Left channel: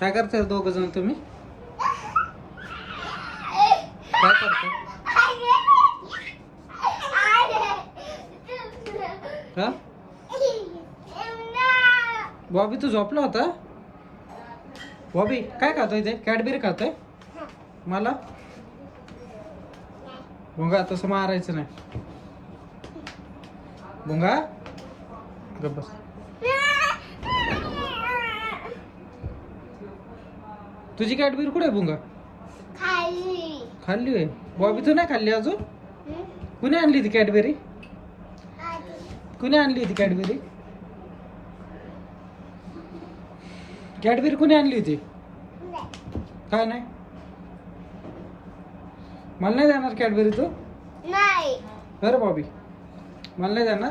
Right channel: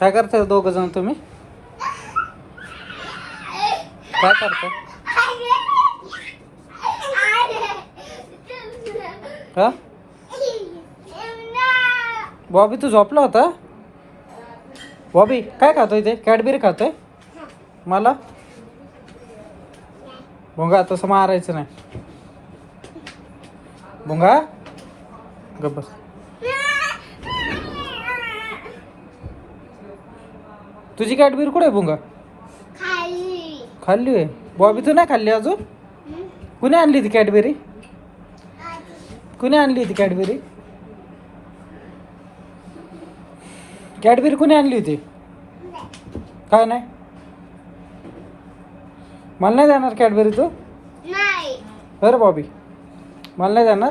काय करताय दोघ जण तुम्ही? काय करताय? हा बॉबी तू झोपला होता? बॉबी काय खातोय ते? कॅडबरी खातोय? मला भोंगा तसं मारायचं नाही. भोंगा गप बस. तुझी कॅडबरी कुठे आहे भोंगा? खाल्ली आहे. बॉबी तू नाही खाल्ली अजून? कुणी आणली ती कॅडबरी? कुणी आणली होती कॅडबरी? कॅडबरी कुणी आणली होती? काय नाही? मला नाही देणार कॅडबरी तू? नाही. बरं बॉबी मला नाही देणार.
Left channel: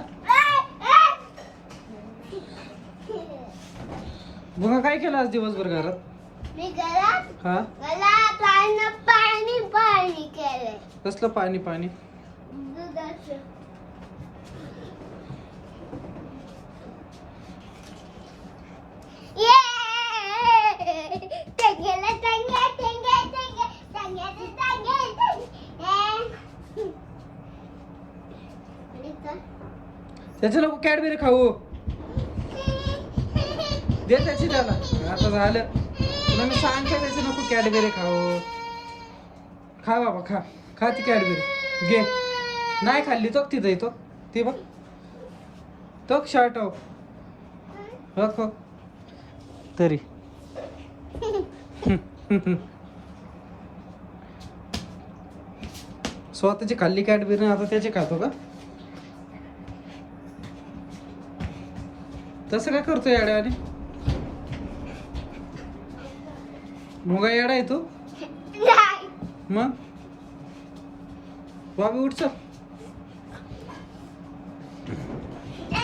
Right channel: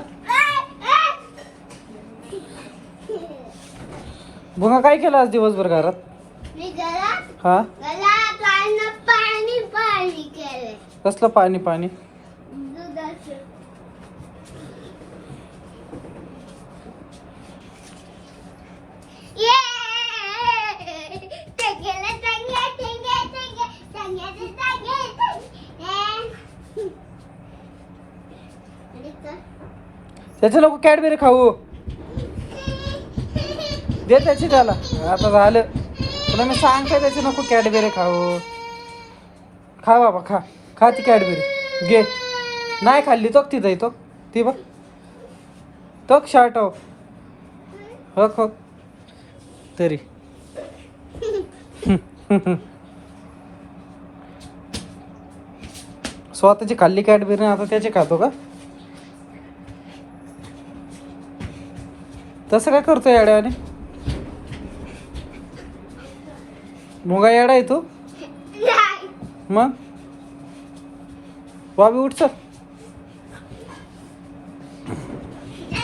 भुंगा काय केलं आज दिवसभर घरात? मी घरात हा पाणी पाणी केलं. कसलं पाणी पाणी? दुधाचं. त्याचं नको कॅडबरी खाऊ. दे त्याची त्याला. आता झालं तुला मी सांगते त्याची नको कॅडबरी खाऊ. खा बाबा खा. खा ती कॅडबरी घे. नाही खाल्ली तो तिथं येतो ती बघ तो शर्ट हो हो तरी स्वतःची खाल्ली कॅडबरी आता त्याची खातो का? तसं काय करतो येड्याने? मुगा येडा आहे तू? मग बॉबी उठ चल.